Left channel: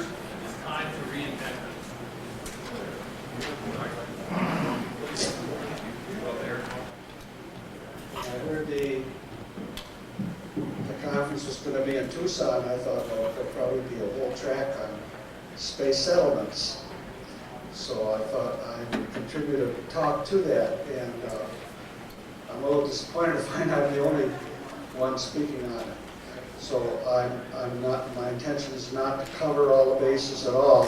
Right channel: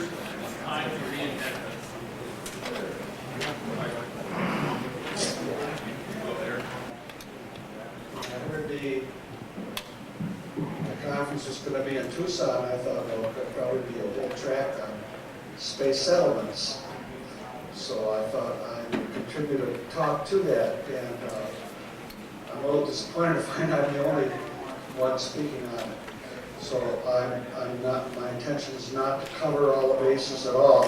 years, it's time to reinvent I heard the conference was going to be in Tucson. I thought, well, there'd probably be a whole track on space settlements. So I thought I would contribute a talk to that, and I'm a little disappointed to find I'm the only one speaking on it. So I'm not. My intention is not to cover all the bases at all.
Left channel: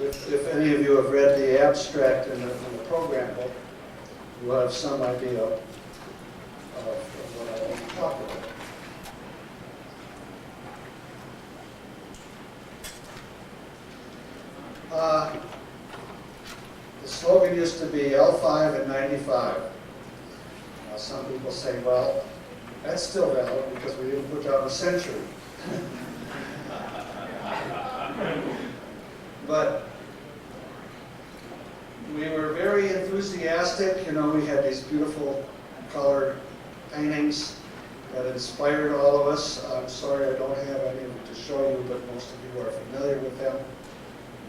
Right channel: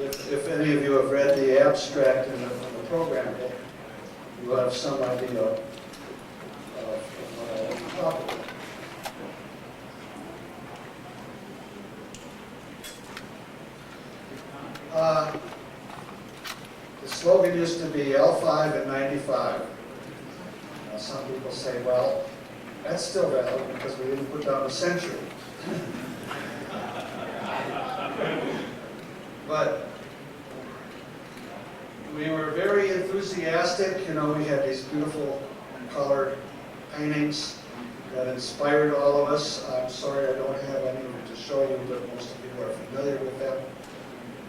If any of you have read the abstract in the program book, you will have some idea of what I want to talk about. The slogan used to be L5 at 95. Now some people say, well, that's still valid because we didn't put down a century. But we were very enthusiastic. You know, we had these beautiful colored paintings that inspired all of us. I'm sorry I don't have any to show you, but most of you are familiar with them.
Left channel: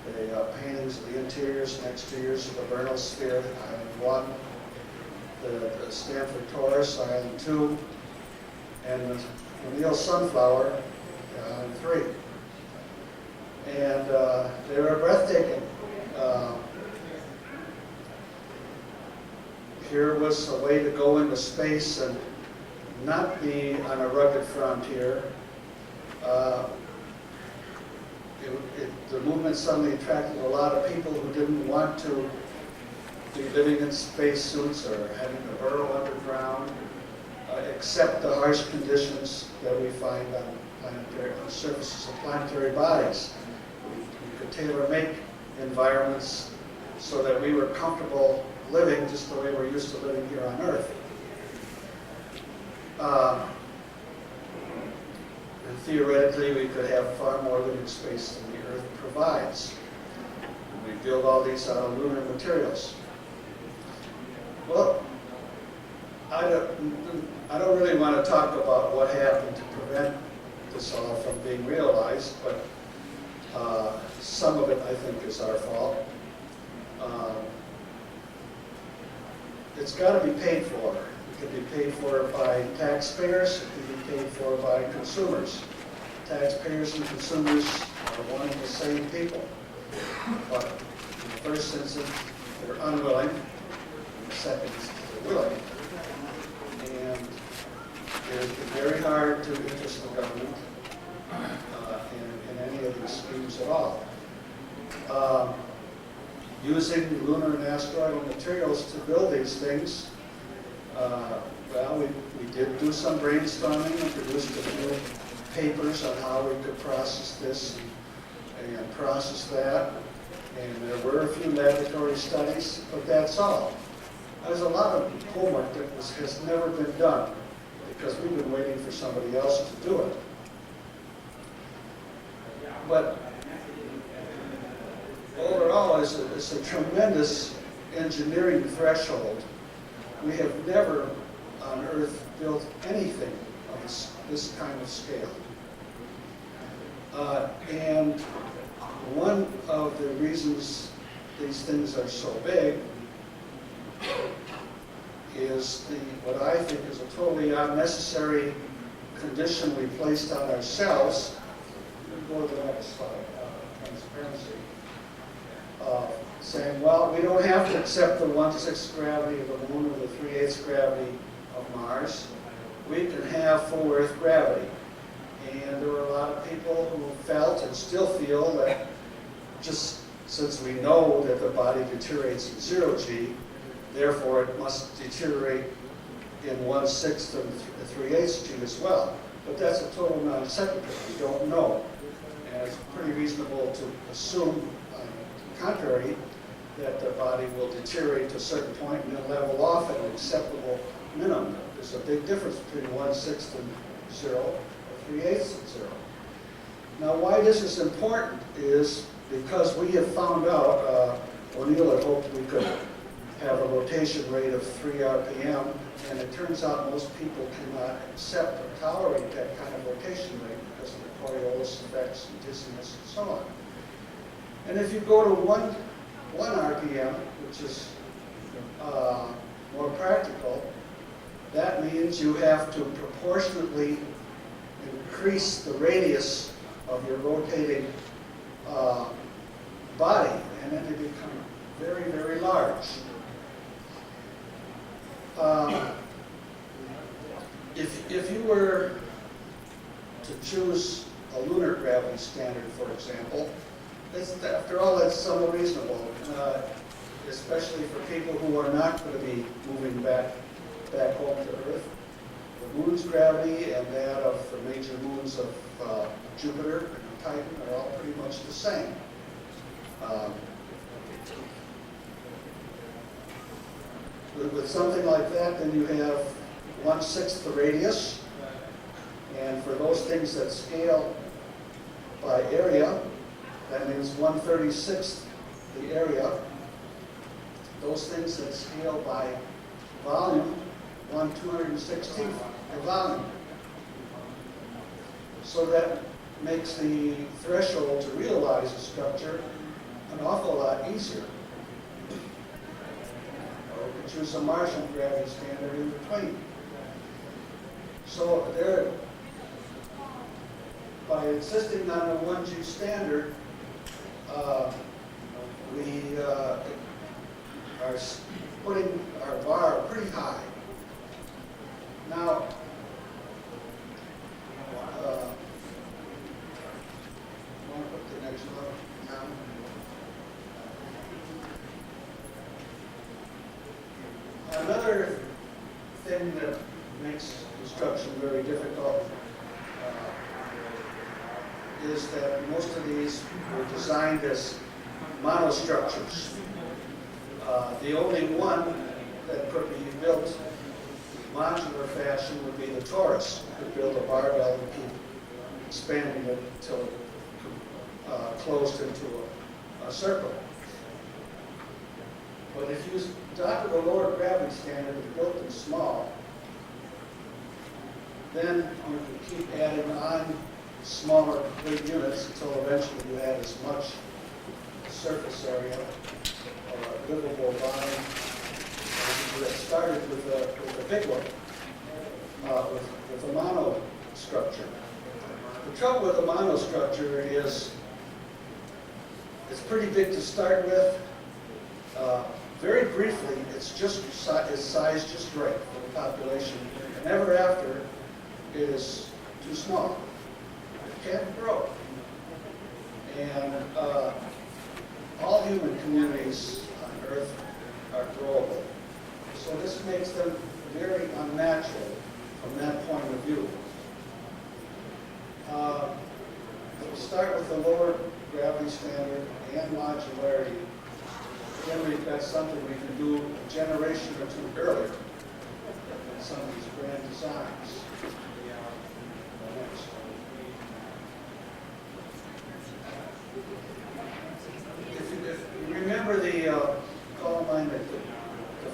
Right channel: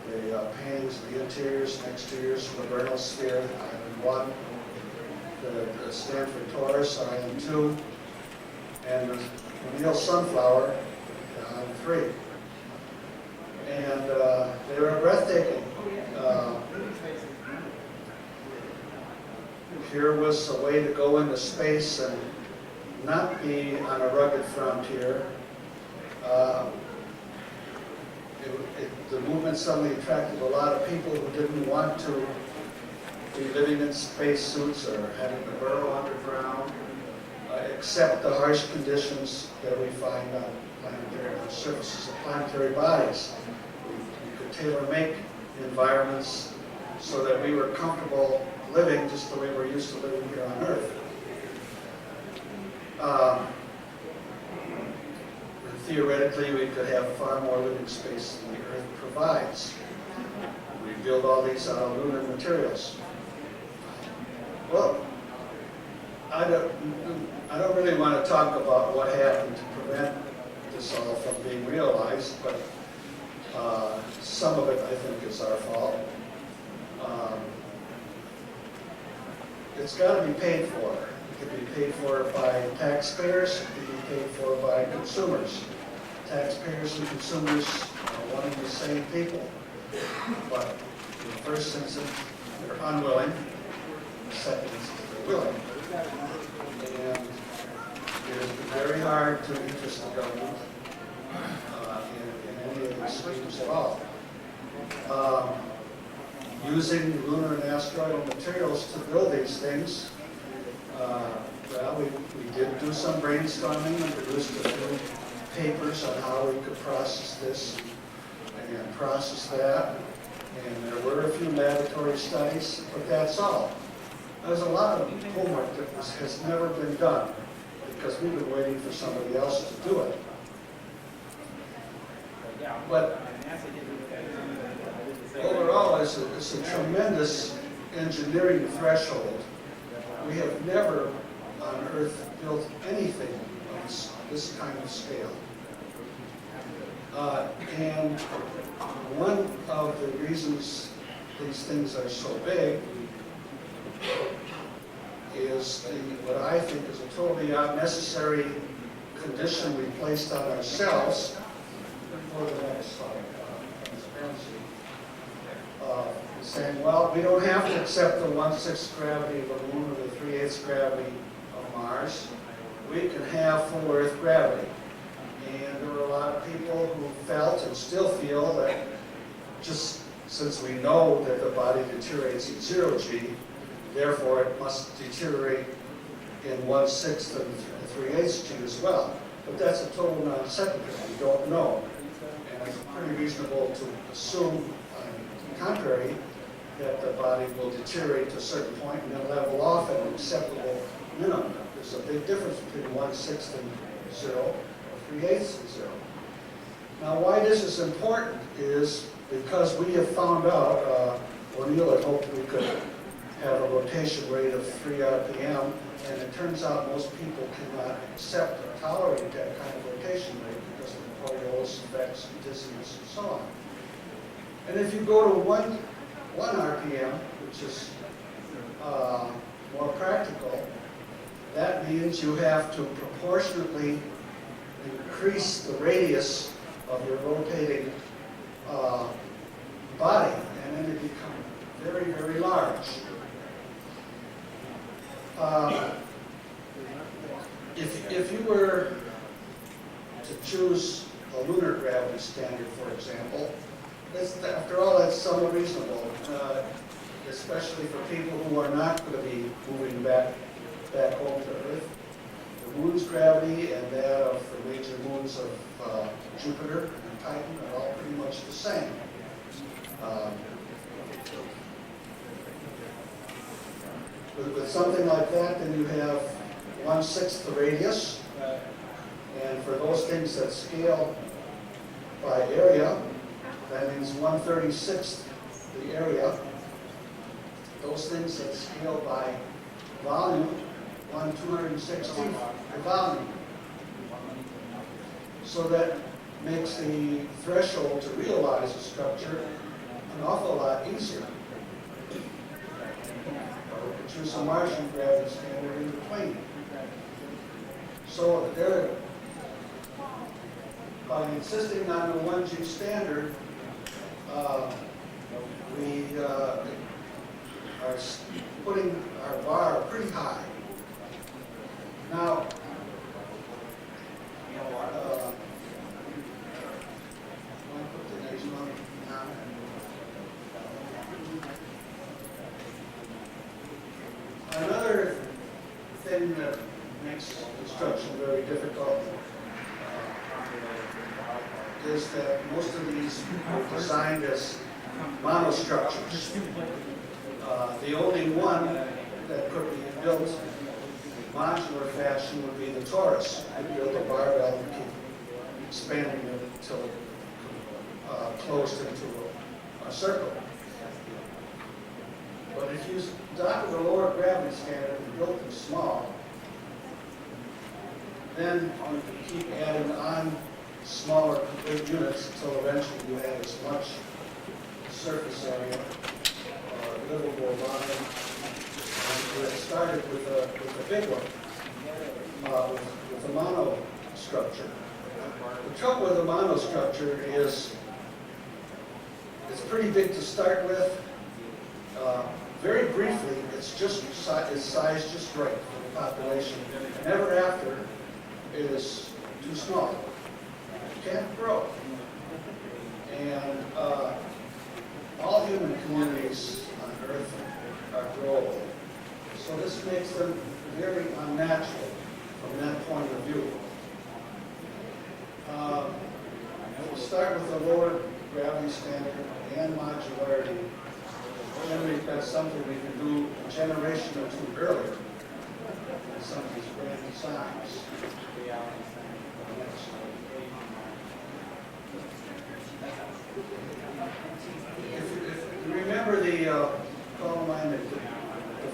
The paintings of the interiors and exteriors of the Vernal Sphere, Island 1, the Stanford Taurus, Island 2, and the O'Neill Sunflower, Island 3. And they were breathtaking. Here was a way to go into space and not be on a rugged frontier. The movement suddenly attracted a lot of people who didn't want to be living in spacesuits or having to burrow underground, accept the harsh conditions that we find on the surfaces of planetary bodies. We could tailor-make environments so that we were comfortable living just the way we're used to living here on Earth. And theoretically, we could have far more living space than the Earth provides. We build all these out of lunar materials. Well, I don't really want to talk about what happened to prevent this all from being realized, but some of it, I think, is our fault. It's got to be paid for. It can be paid for by taxpayers. It can be paid for by consumers. Taxpayers and consumers are one and the same people. But in the first instance, they're unwilling. In the second instance, they're willing. And it has been very hard to interest the government in any of these schemes at all. Using lunar and asteroidal materials to build these things, well, we did do some brainstorming and produced a few papers on how we could process this and process that. And there were a few laboratory studies, but that's all. There's a lot of homework that has never been done because we've been waiting for somebody else to do it. But overall, it's a tremendous engineering threshold. We have never on Earth built anything of this kind of scale. And one of the reasons these things are so big is what I think is a totally unnecessary condition we placed on ourselves. Before the next slide, transparency. Saying, well, we don't have to accept the 1/6 gravity of the Moon or the 3/8 gravity of Mars. We can have full Earth gravity. And there were a lot of people who felt and still feel that just since we know that the body deteriorates in 0G, therefore it must deteriorate in 1/6 and 3/8 G as well. But that's a total non sequitur. We don't know. And it's pretty reasonable to assume, on the contrary, that the body will deteriorate to a certain point and then level off at an acceptable minimum. There's a big difference between 1/6 and 0 or 3/8 and 0. Now, why this is important is because we have found out, O'Neill had hoped we could have a rotation rate of 3 RPM, and it turns out most people cannot accept or tolerate that kind of rotation rate because of the Coriolis effects and dizziness and so on. And if you go to 1 RPM, which is more practical, that means you have to proportionately increase the radius of your rotating body, and then you become very, very large. If you were to choose a lunar gravity standard, for example, after all, that's somewhat reasonable, especially for people who are not going to be moving back home to Earth. The moon's gravity and that of the major moons of Jupiter and Titan are all pretty much the same. With something like that, then you have 1/6 the radius, and for those things that scale by area, that means 1/36 the area. Those things that scale by volume, 1/216 the volume. So that makes the threshold to realize a structure an awful lot easier. Or we could choose a Martian gravity standard in between. So there, by insisting on a 1G standard, we are putting our bar pretty high. Now, I'll put the next one now. Another thing that makes construction very difficult is that most of these were designed as monostructures. The only one that could be built in modular fashion would be the torus. You could build a barbell and keep expanding it until it closed into a circle. But if you adopted a lower gravity standard and built them small, then you could keep adding on smaller complete units until eventually you had as much surface area or livable volume as you had started with a big one, with a mono structure. The trouble with a mono structure is it's pretty big to start with. Very briefly, it's sized just right for the population, and ever after it is too small. It can't grow. And all human communities on Earth are growable. So this makes them very unnatural from that point of view. If we start with the lower gravity standard and modularity, then we've got something we can do a generation or two earlier in some of these grand designs. If you remember the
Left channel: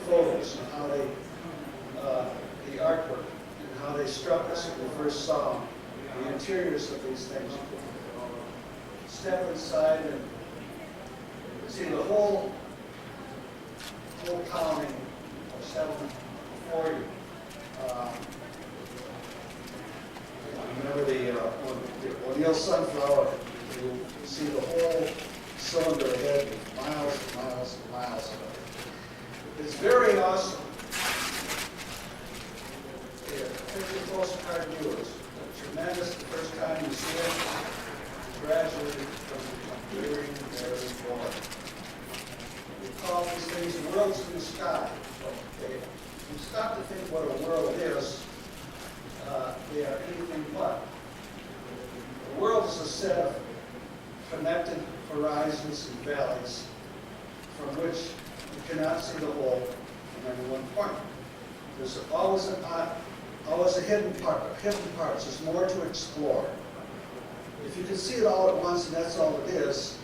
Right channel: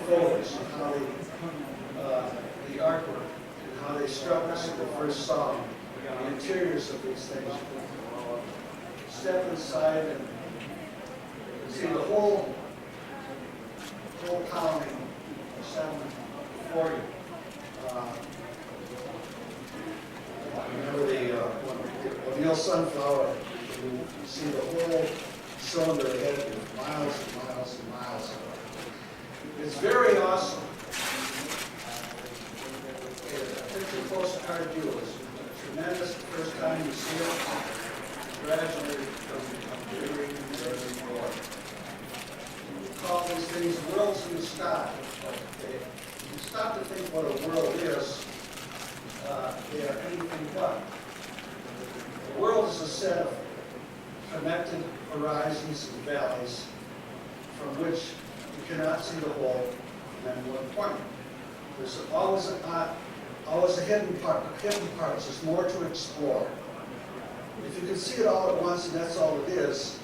photos and how they, the artwork and how they struck us when we first saw the interiors of these things. Step inside and see the whole colony of settlement before you. Remember the O'Neill sunflower, you see the whole cylinder ahead with miles and miles and miles. It's very awesome. Picture postcard view is tremendous the first time you see it. Gradually it becomes very, very broad. We call these things worlds in the sky. Okay. If you stop to think what a world is, they are anything but. The world is a set of connected horizons and valleys from which you cannot see the whole from any one point. There's always a hidden part. Hidden parts. There's more to explore. If you can see it all at once and that's all it is,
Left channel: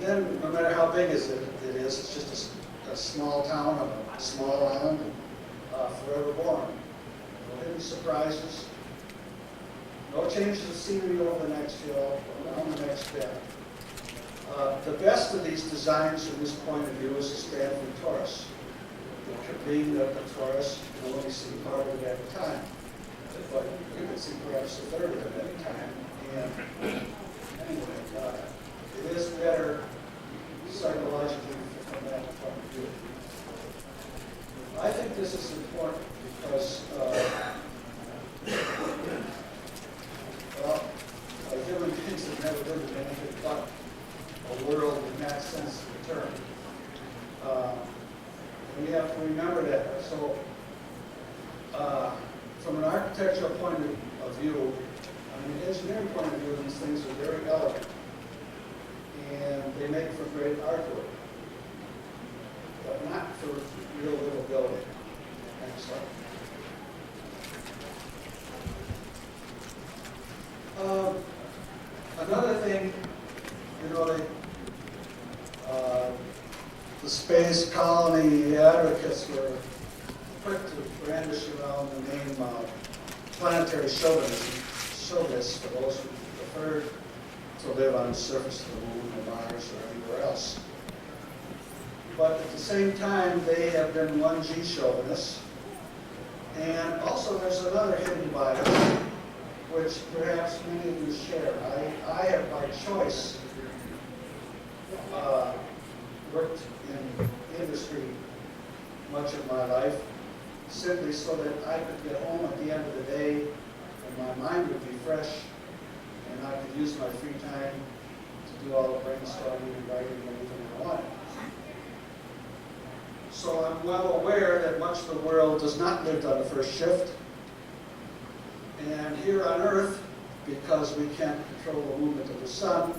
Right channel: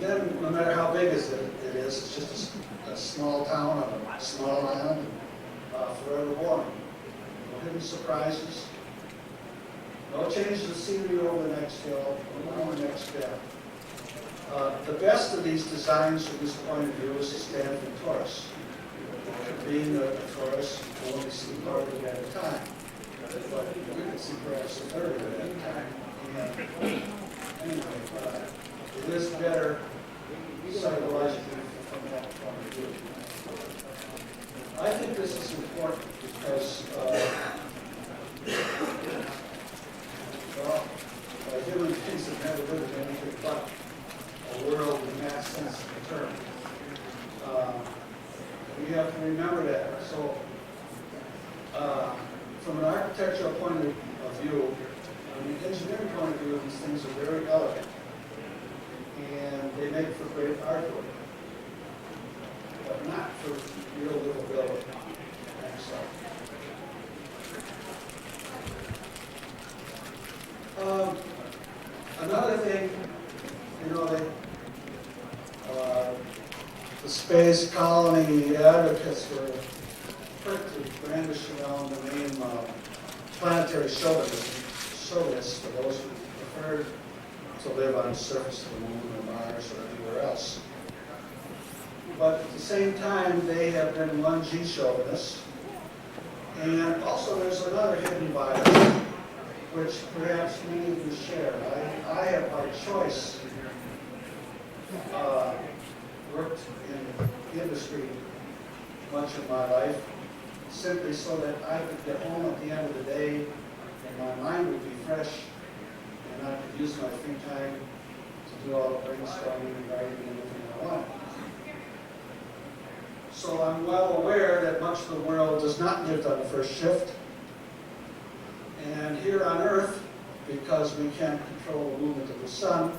then no matter how big it is, it's just a small town on a small island, forever born. No hidden surprises. No changes of scenery over the next hill, or on the next bend. The best of these designs from this point of view is the Stanford Taurus. Being a Taurus, you only see part of it at a time. But you can see perhaps a third of it at a time. And anyway, it is better psychologically from that point of view. I think this is important because, well, human beings have never lived in anything but a world in that sense of the term. We have to remember that. So, from an architectural point of view, from an engineering point of view, these things are very elegant, and they make for great artwork, but not for real livability. Next slide. Another thing, you know, the space colony advocates were quick to brandish around the name planetary chauvinists for those who preferred to live on the surface of the moon or Mars or anywhere else. But at the same time, they have been 1G chauvinists. And also there's another hidden bias, which perhaps many of you share. I have by choice worked in industry much of my life, simply so that I could get home at the end of the day and my mind would be fresh and I could use my free time to do all the brainstorming and writing and anything I want. So I'm well aware that much of the world does not live on the first shift. And here on Earth, because we can't control the movement of the sun,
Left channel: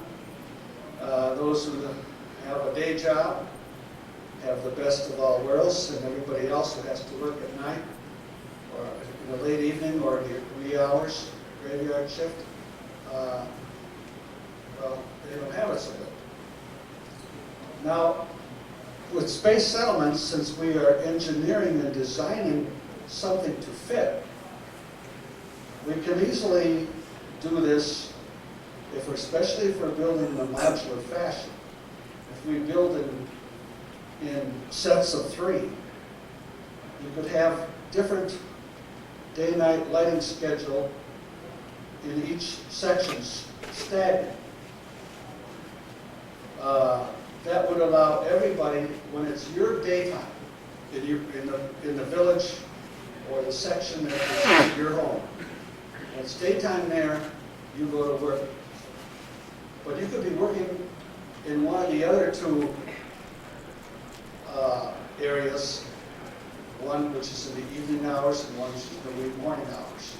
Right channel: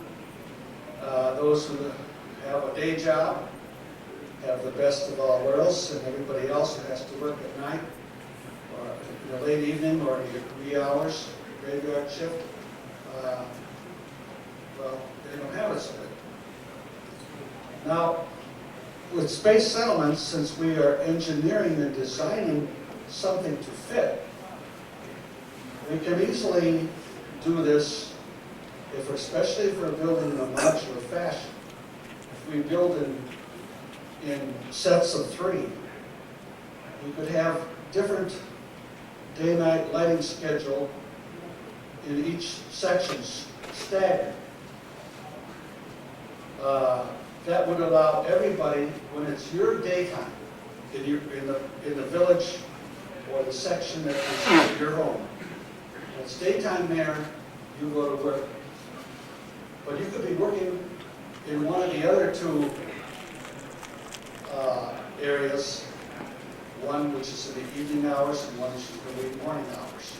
those who have a day job have the best of all worlds, and everybody else who has to work at night or in the late evening or in the wee hours, graveyard shift, well, they don't have it so good. Now, with space settlements, since we are engineering and designing something to fit, we can easily do this, especially if we're building in a modular fashion. If we build in sets of 3, you could have different day-night lighting schedule in each section staggered. That would allow everybody, when it's your daytime, in the village or the section that is your home, when it's daytime there, you go to work. But you could be working in one of the other 2 areas, one which is in the evening hours and one which is in the late morning hours.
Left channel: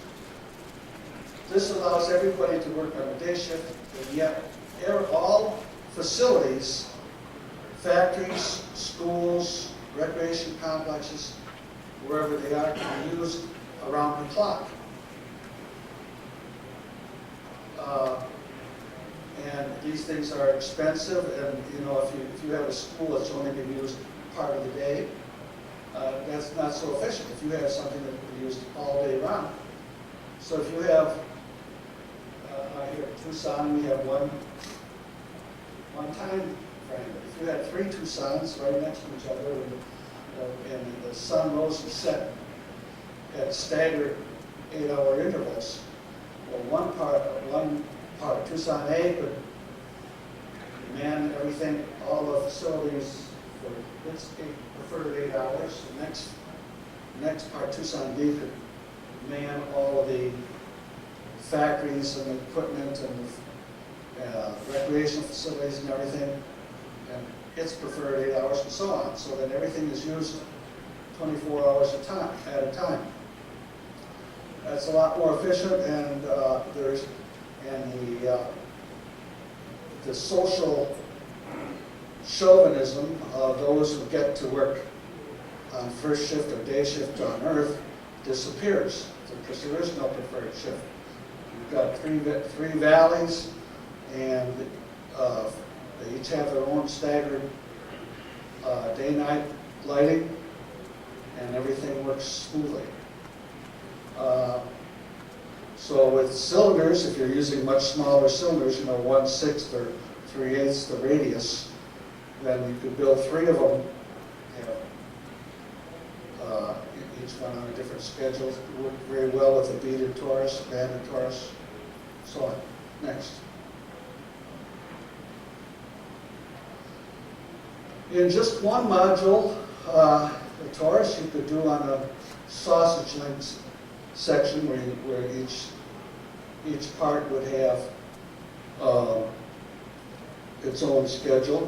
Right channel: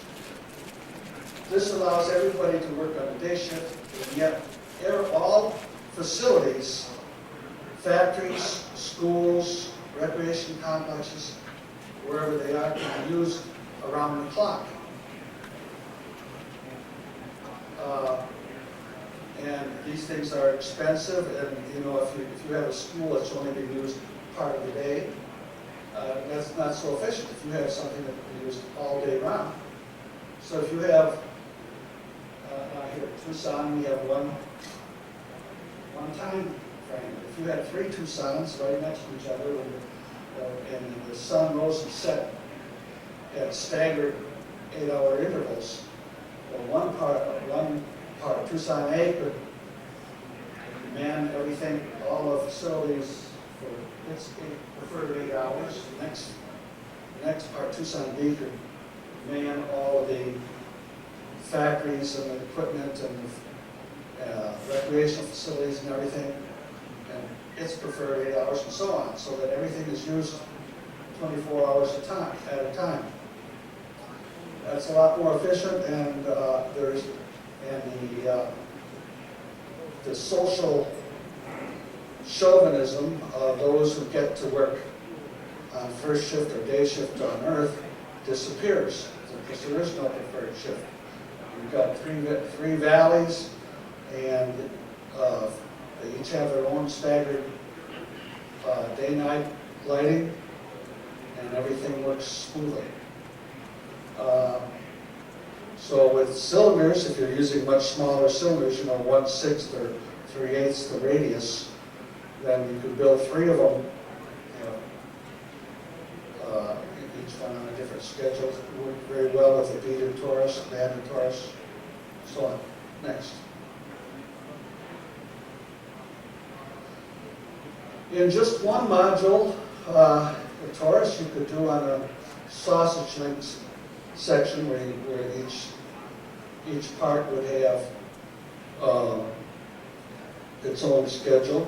This allows everybody to work on a day shift, and yet all facilities, factories, schools, recreation complexes, wherever they are, can be used around the clock. And these things are expensive, and you know, if you have a school that's only being used part of the day, that's not so efficient. If you have something that can be used all day round. So if you have, here at Tucson, we have one time frame. If you had 3 Tucsons right next to each other, and the sun rose and set at staggered 8-hour intervals, well, one part of Tucson A could man everything, all the facilities for its preferred 8 hours. The next part, Tucson B, could man all of the factories and the equipment and the recreational facilities and everything, and its preferred 8 hours, and so on, so that everything is used 24 hours at a time. That's a lot more efficient, and the social chauvinism of those who get to work on first shift or day shift on Earth disappears, because there is no preferred shift. You've got three valleys, and they each have their own staggered day-night lighting, and everything works smoothly. So with cylinders, if you're using much smaller cylinders, 1/6 or 3/8 the radius, then you could build 3 of them, each one on a different schedule. It worked very well with a beaded torus, banded torus, so on. Next. In just one module, the torus you could do on a sausage links section where each part would have its own schedule.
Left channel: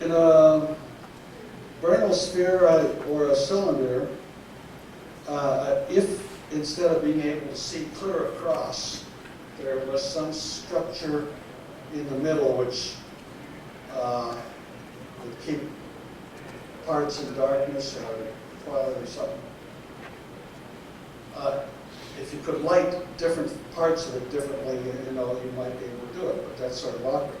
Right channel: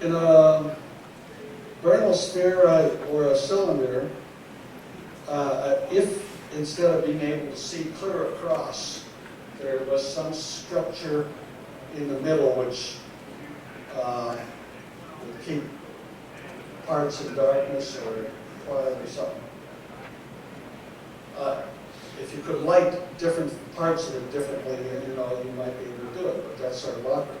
In a Bernal sphere or a cylinder, if instead of being able to see clear across, there was some structure in the middle which would keep parts in darkness or twilight or something. If you could light different parts of it differently, you might be able to do it, but that's sort of awkward.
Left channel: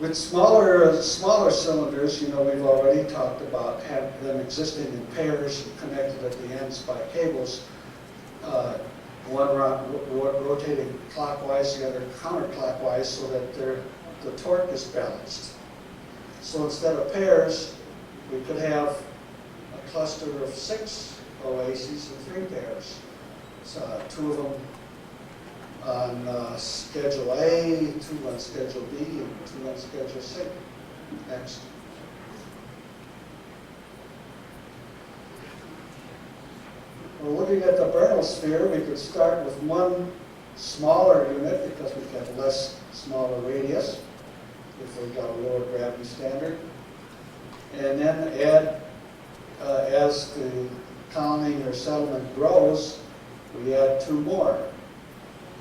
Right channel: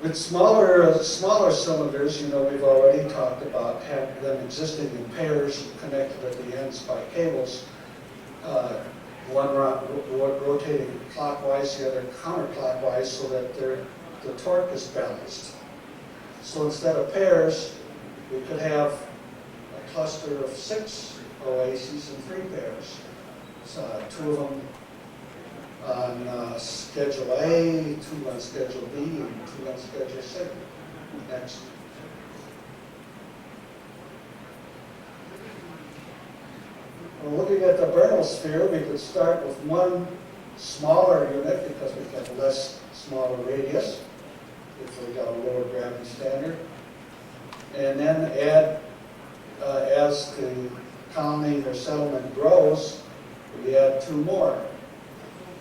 With smaller cylinders, we've already talked about having them existing in pairs connected at the ends by cables, one rotating clockwise, the other counterclockwise, so that the torque is balanced. So instead of pairs, we could have a cluster of 6 oases and 3 pairs. So 2 of them on Schedule A, 2 on Schedule B, and 2 on Schedule C. Next. Well, looking at the Bernal sphere, we could start with one smaller unit because we have less smaller radius if we've got a lower gravity standard. And then add, as the colony or settlement grows, we add 2 more.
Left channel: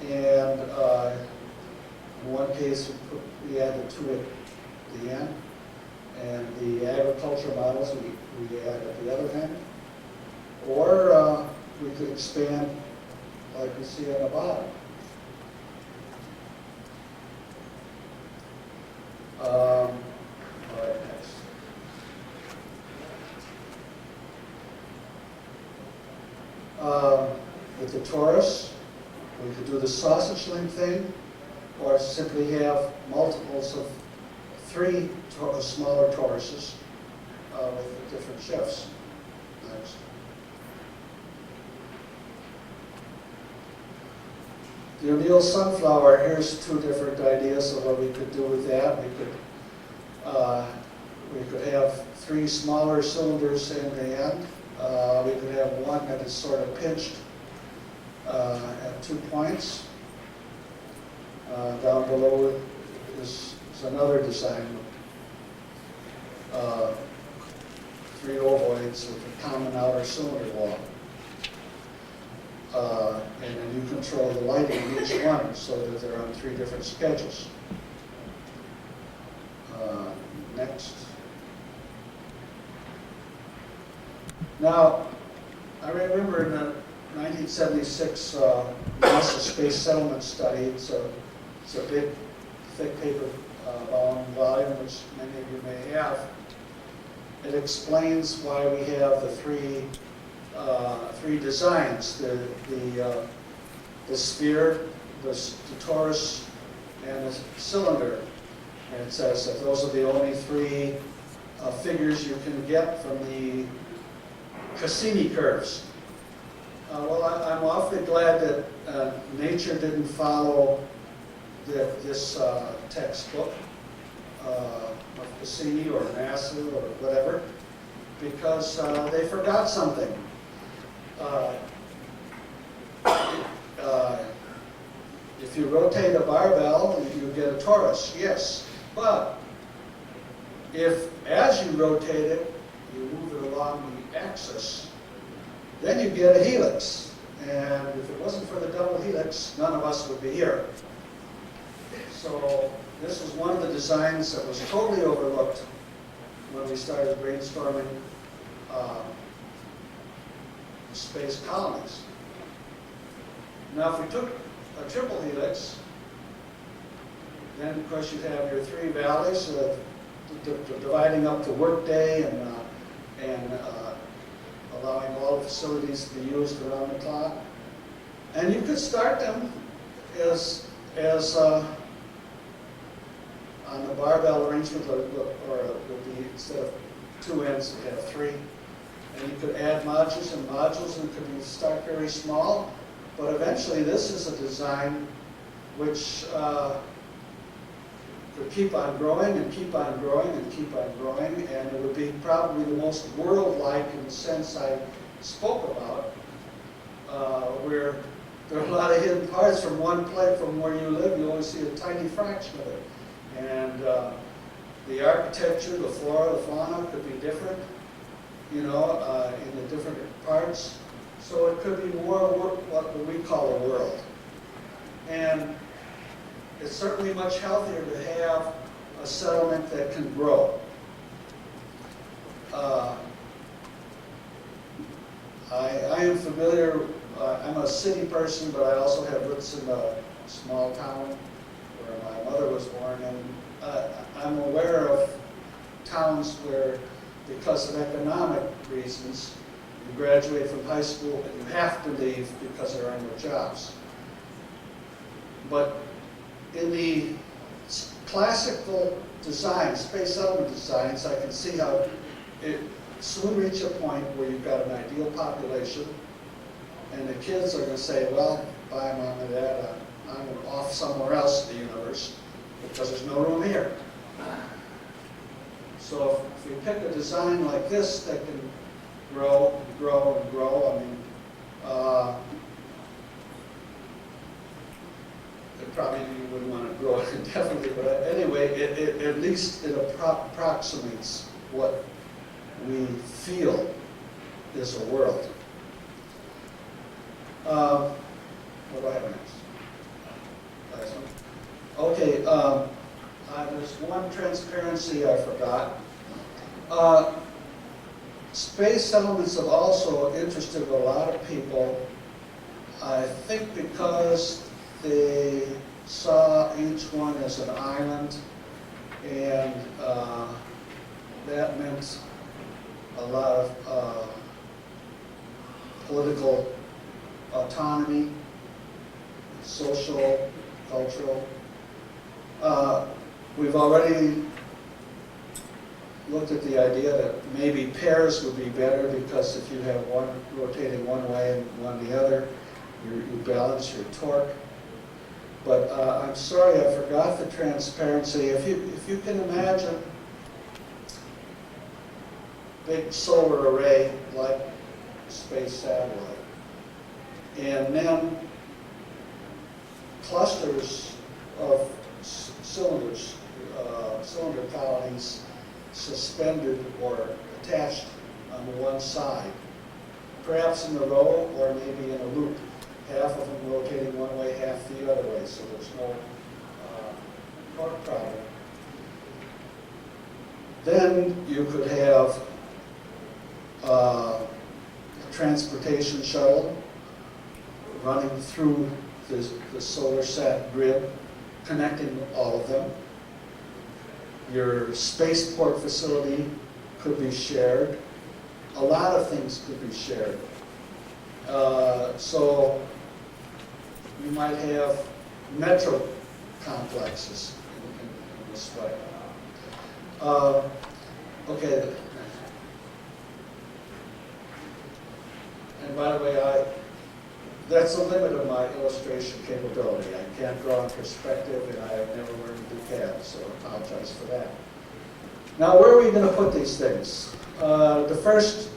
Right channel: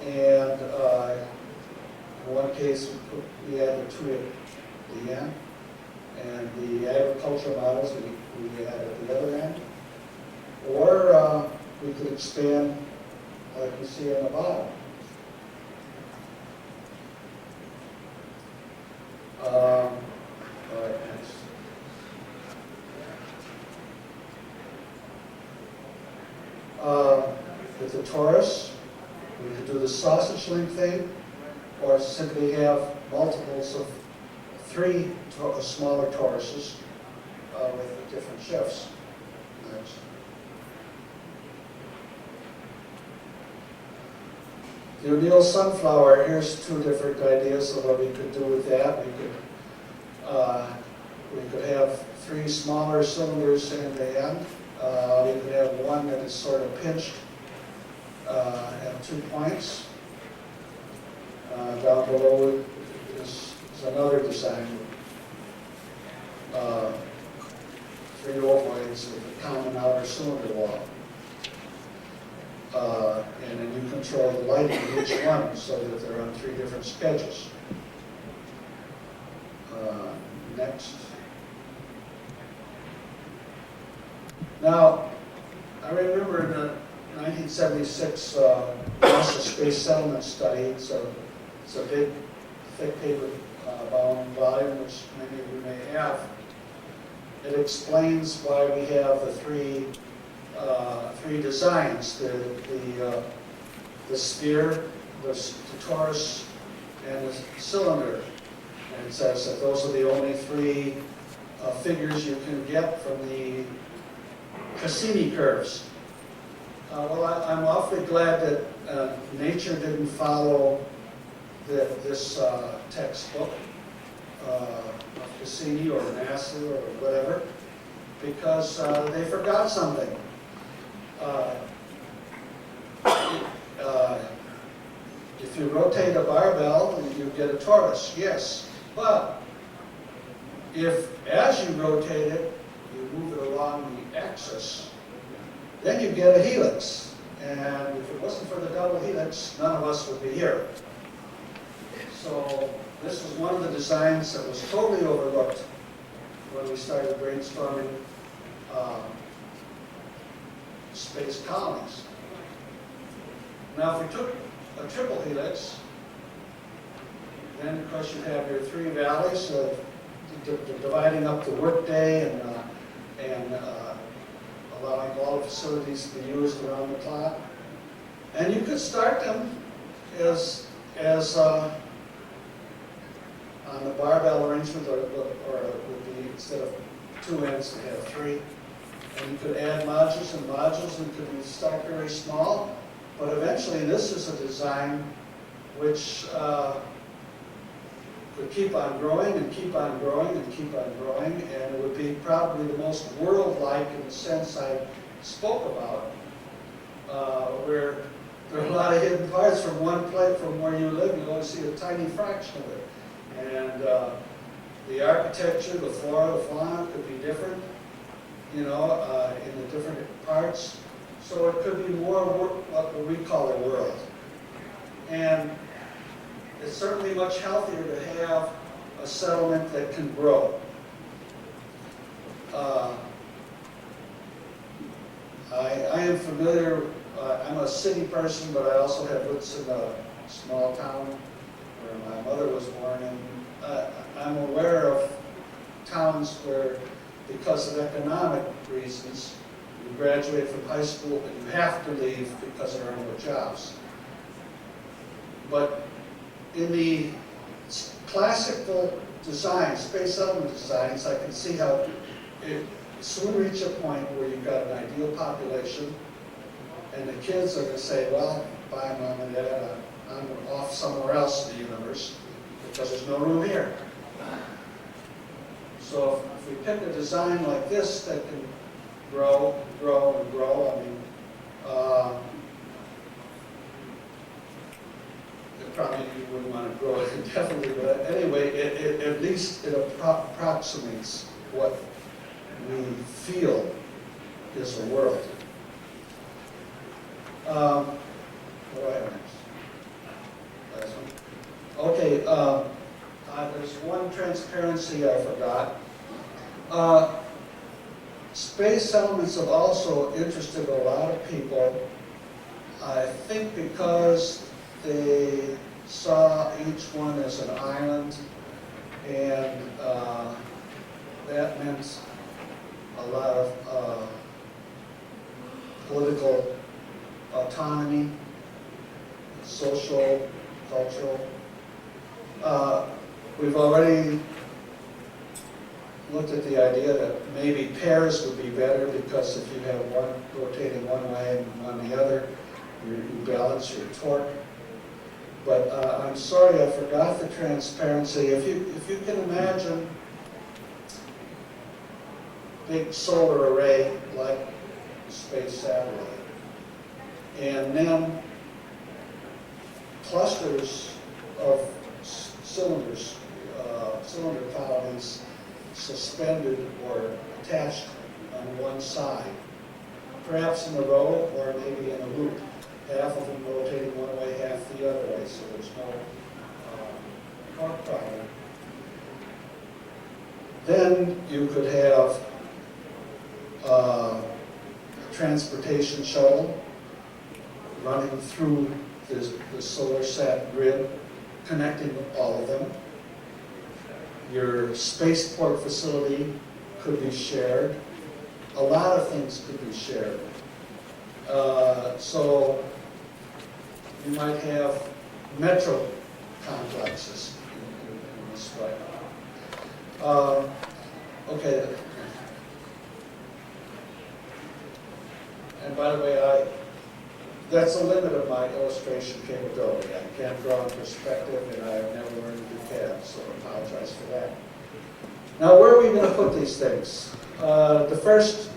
And in one case, we add the 2 at the end. And the agriculture models, we add at the other end. Or we could expand like you see on the bottom. All right, next. With the torus, we could do the sausage link thing, or simply have multiples of 3 smaller toruses with different shifts. Next. The O'Neill sunflower, here's 2 different ideas of what we could do with that. We could have 3 smaller cylinders in the end. We could have one that is sort of pinched at 2 points. Down below is another design. 3 ovoids with a common outer cylinder wall. And then you control the lighting of each one so that they're on 3 different schedules. Next. Now, I remember in the 1976 NASA Space Settlement Study, it's a big, thick paper bound volume, which many of you may have. It explains why we have the 3 designs: the sphere, the torus, and the cylinder. And it says that those are the only 3 figures you can get from the Cassini curves. Well, I'm awfully glad that nature didn't follow this textbook of Cassini or NASA or whatever, because they forgot something. If you rotate a barbell, you get a torus, yes. But if, as you rotate it, you move it along the axis, then you get a helix. And if it wasn't for the double helix, none of us would be here. So this was one of the designs that was totally overlooked when we started brainstorming space colonies. Now, if we took a triple helix, then of course you have your 3 valleys of dividing up the workday and allowing all the facilities to be used around the clock. And you could start them as on the barbell arrangement, or it would be, instead of 2 ends, you have 3. And you could add modules and could be start very small. But eventually this is a design which could keep on growing and keep on growing and keep on growing, and it would be probably the most world-like in the sense I spoke about, where there are a lot of hidden parts from one place. From where you live, you only see a tiny fraction of it. And the architecture, the flora, the fauna could be different, in the different parts. So it could be more what we call a world. And it's certainly much healthier to have a settlement that can grow. I am familiar, I'm a city person, but I also have roots in a small town where my mother was born, and I'm aware of towns where, because of economic reasons, you graduate from high school and you have to leave because there are no jobs. But in the classical design, space settlement designs, I can see how it soon reach a point where you've got an ideal population, and the kids are going to say, well, bye mom and dad, I'm off somewhere else in the universe because there's no room here. So if we pick a design like this that can grow, grow, and grow, I mean, probably you wouldn't want to grow it indefinitely, but anyway, at least it approximates what we feel is a world. What do I have next? Last one. Okay, there's one transparency I forgot. Space settlements have also interested a lot of people, I think because they saw each one as an island, and that meant a lot of political autonomy, social, cultural. We've already looked at the idea that maybe pairs would be better, because if you have one rotating one way and one the other, you balance your torque. But I'm sorry, I forgot the transparency. If you can imagine big solar array like space satellite, and then clusters of cylinders, cylinder colonies suspended or attached on one side, perhaps in a row or maybe in a loop. Half of them rotating one way, half the other way, so there's no torque problem. Then you could have a transportation shuttle running through the solar sat grid, connecting all of them. Your spaceport facility could be shared. A lot of things could be shared. So you might have metro complexes in this way. Okay. And by the way, that's the limit of my illustration capability. I can't draw in perspective, and I have never learned to do CAD, so I apologize for that. Now, where are we going to put these things? The first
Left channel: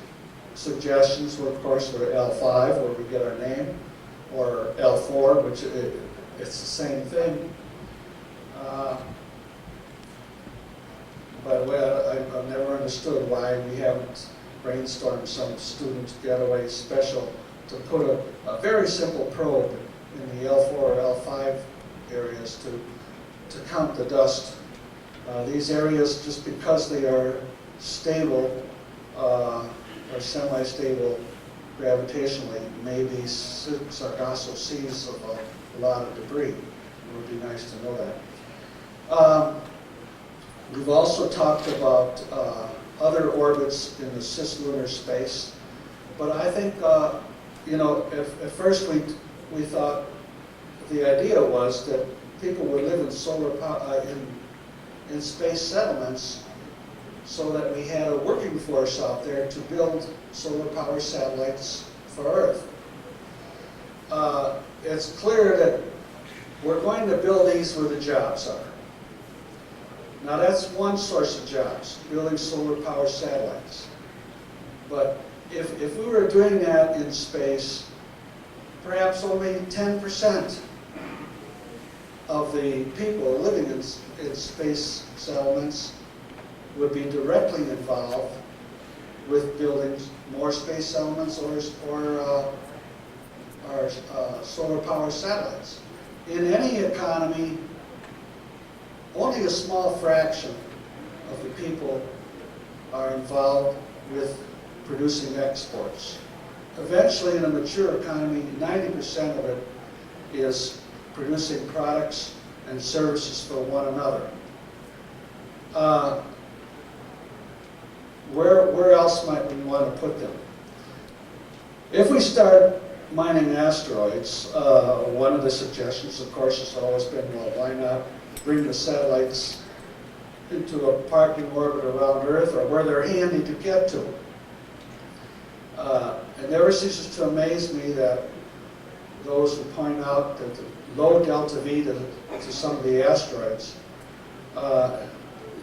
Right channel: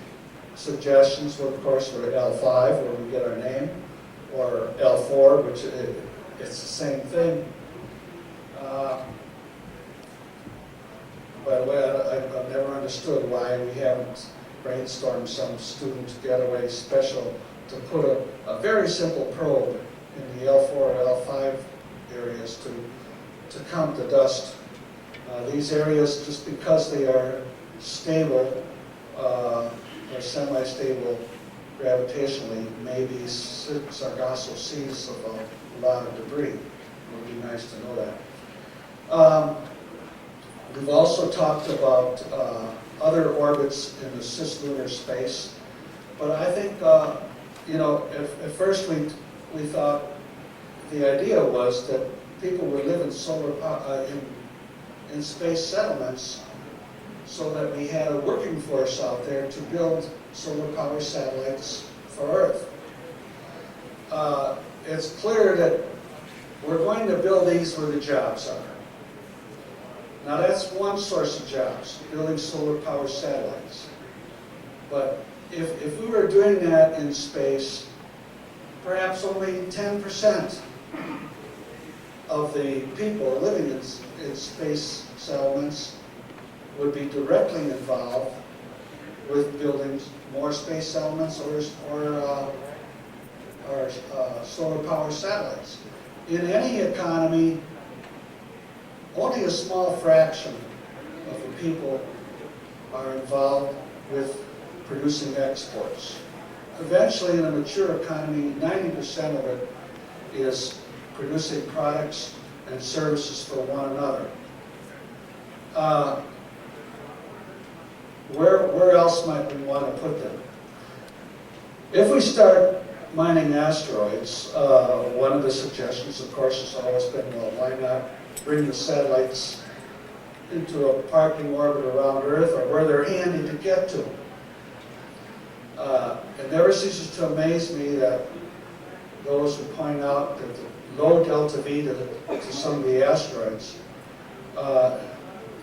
suggestions were, of course, were L5, where we get our name, or L4, which it's the same thing. By the way, I've never understood why we haven't brainstormed some student getaway special to put a very simple probe in the L4 or L5 areas to count the dust. These areas, just because they are stable, or semi-stable gravitationally, may be Sargasso seas of a lot of debris. It would be nice to know that. We've also talked about other orbits in the cislunar space, but I think, at first we thought the idea was that people would live in in space settlements so that we had a working force out there to build solar power satellites for Earth. It's clear that we're going to build these where the jobs are. Now that's one source of jobs, building solar power satellites. But if we were doing that in space, perhaps only 10% of the people living in space settlements would be directly involved with building more space settlements or solar power satellites. In any economy, only a small fraction of the people are involved with producing exports. Eventually, in a mature economy, 90% of it is producing products and services for one another. Where else might we want to put them? If we start mining asteroids, one of the suggestions, of course, has always been, well, why not bring the satellites into a parking orbit around Earth or where they're handy to get to. It never ceases to amaze me that those who point out that the low delta V to some of the asteroids,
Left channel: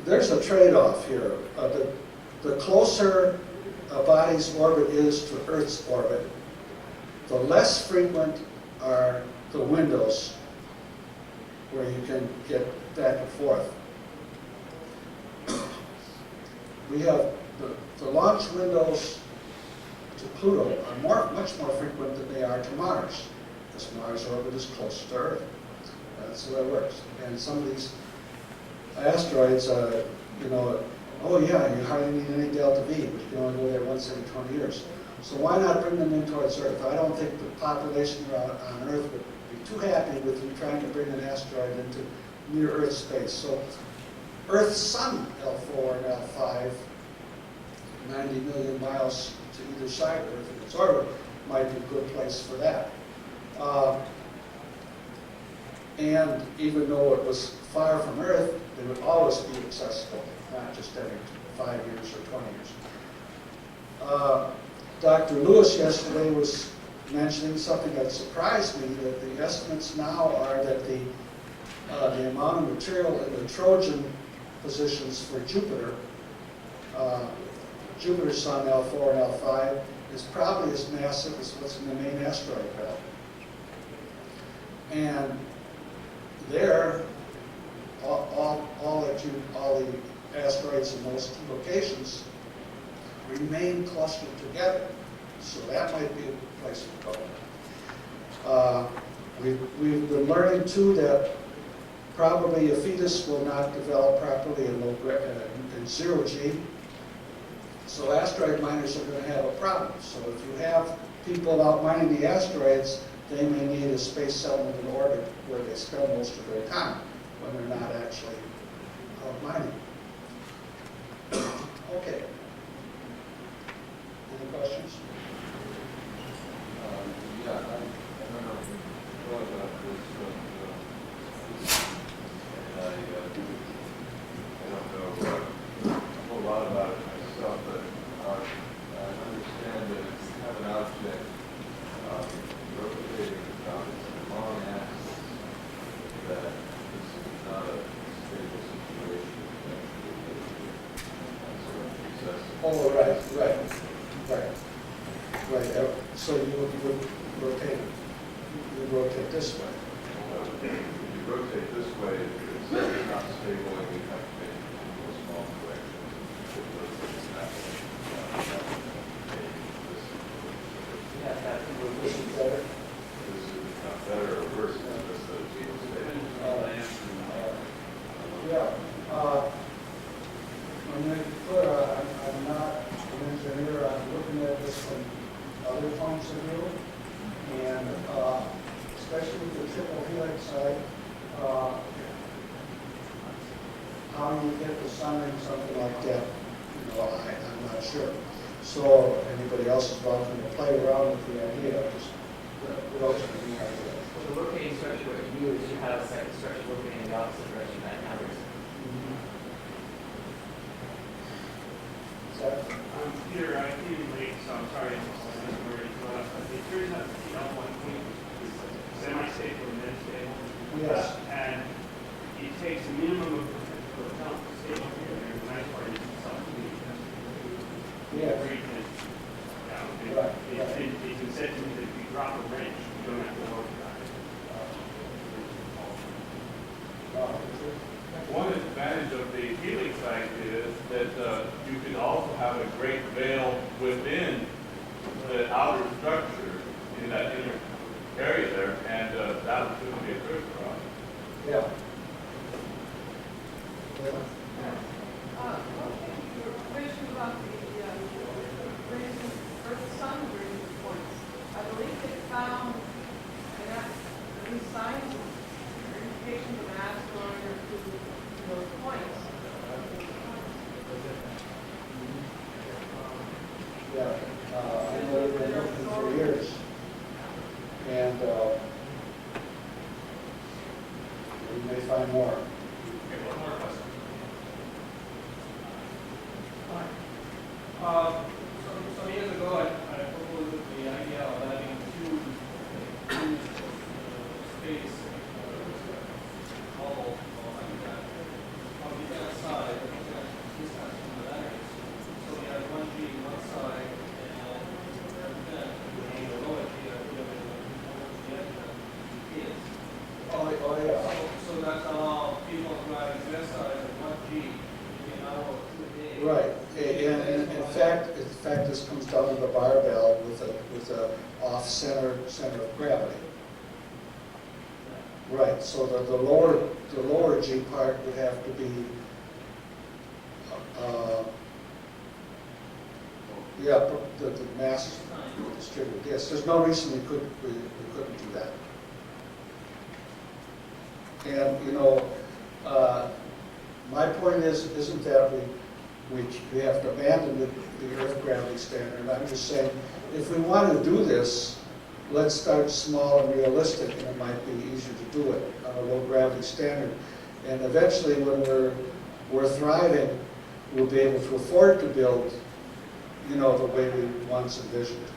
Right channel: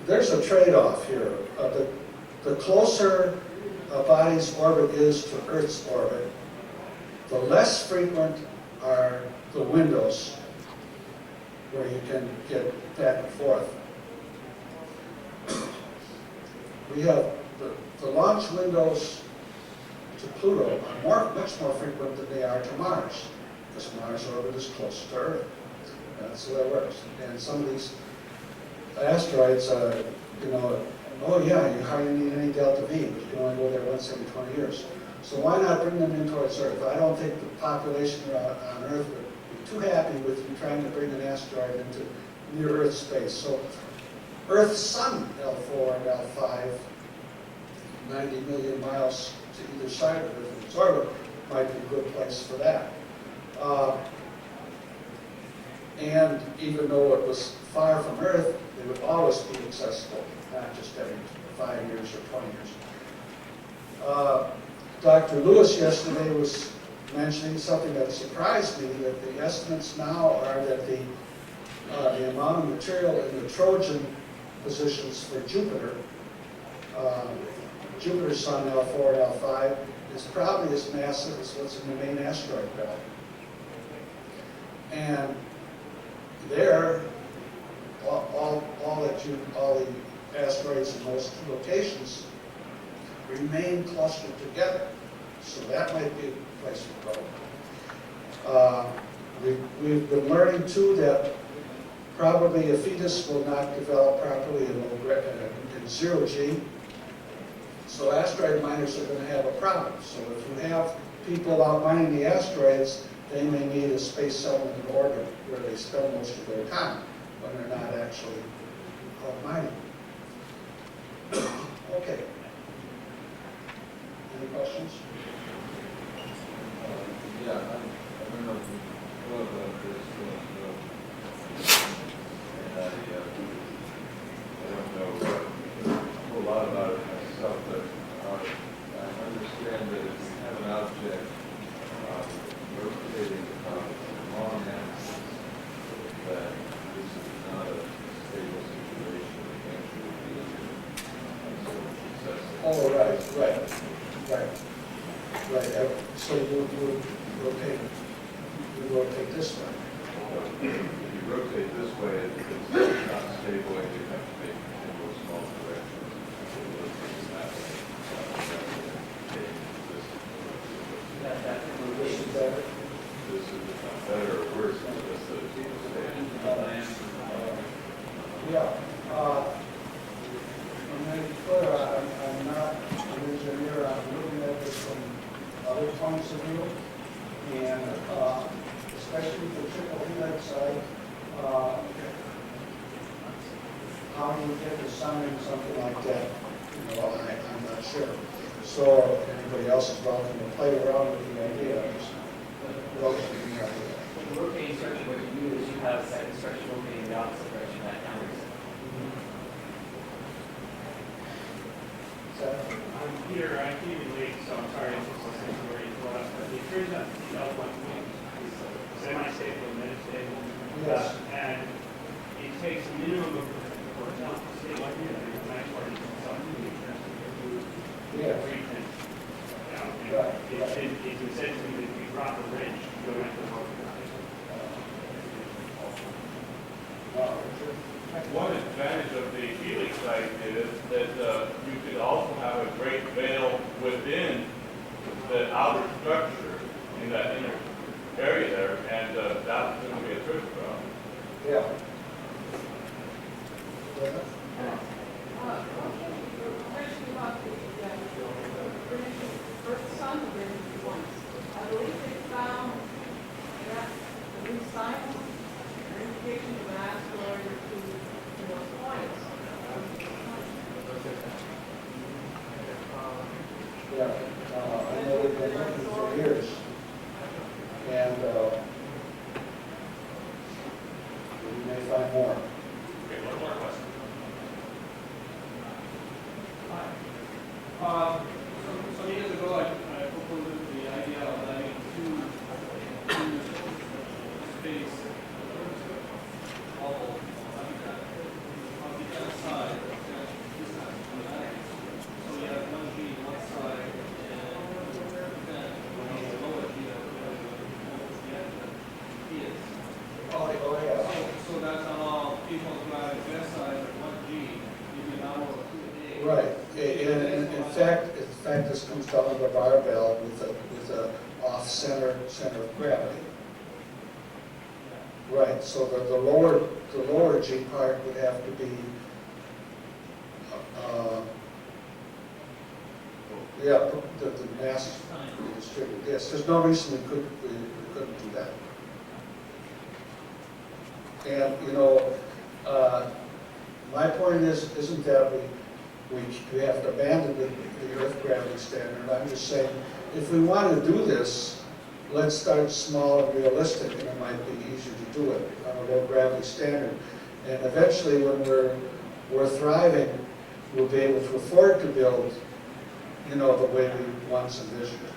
there's a trade-off here. The closer a body's orbit is to Earth's orbit, the less frequent are the windows where you can get back and forth. We have the launch windows to Pluto are much more frequent than they are to Mars, because Mars' orbit is closer to Earth. That's how that works. And some of these asteroids, oh yeah, you hardly need any delta V, but you can only go there once every 20 years. So why not bring them in towards Earth? I don't think the population on Earth would be too happy with you trying to bring an asteroid into near-Earth space. So Earth's sun, L4 and L5, 90 million miles to either side of Earth, its orbit, might be a good place for that. And even though it was far from Earth, they would always be accessible, not just every 5 years or 20 years. Dr. Lewis yesterday was mentioning something that surprised me, that the estimates now are that the amount of material in the Trojan positions for Jupiter, Jupiter's sun L4 and L5, is probably as massive as what's in the main asteroid belt. And there, all the asteroids in those two locations remain clustered together. So that might be a place to go. We've been learning too that probably a fetus will not develop properly in zero G. So asteroid miners are going to have a problem. So if you have people out mining the asteroids, they may need a space settlement in orbit where they spend most of their time when they're not actually out mining. Okay. Any questions? Yeah, I don't know if you thought about this, and I don't know a whole lot about it myself, but I understand that if you have an object rotating about a long axis, that this is not a stable situation. Oh, right. So you rotate this way. If you rotate this way, it's not stable, and you have to make a small correction. This is better. This is not better or worse than this other people say. Yeah. I'm not an engineer. I'm looking at this from other points of view, and especially the triple helix side, how pound would hit or something like that. You know, I'm not sure. So anybody else is welcome to play around with the idea. Just rotate the idea. Well, the rotating structure, what you do is you have a second structure rotating in the opposite direction that counters. I'm Peter, I came in late, so I'm sorry I'm supposed to listen to where you brought up, but it turns out that one point is semi-stable and metastable. Yes. And it takes a minimum of, for example, stable here, and the nice part is something Yeah. where you can, Right. it can set to me that if you drop a wrench, you don't have to work on it. One advantage of the helix site is that you could also have a great veil within the outer structure in that inner area there, and that would soon be a trick problem. Yeah. Question about the sun bridge points. I believe they found the new signs or indication of an asteroid to those points. Yeah. I know they've been looking for years. And we may find more. Okay, one more question. Some years ago, I proposed the idea of having two space bubble on the other side, this side on the back. So we have one tree on one side, and then the lower tree that the other is. Oh, yeah. So that allows people to have their side of one G, maybe an hour or 2 a day. Right. And in fact, this comes down to the barbell with a off-center of gravity. Right. So the lower G part would have to be the mass distributed. Yes. There's no reason we couldn't do that. And you know, my point isn't that we have to abandon the Earth gravity standard. I'm just saying, if we want to do this, let's start small and realistic, and it might be easier to do it on a low gravity standard. And eventually, when we're thriving, we'll be able to afford to build, you know, the way we once envisioned.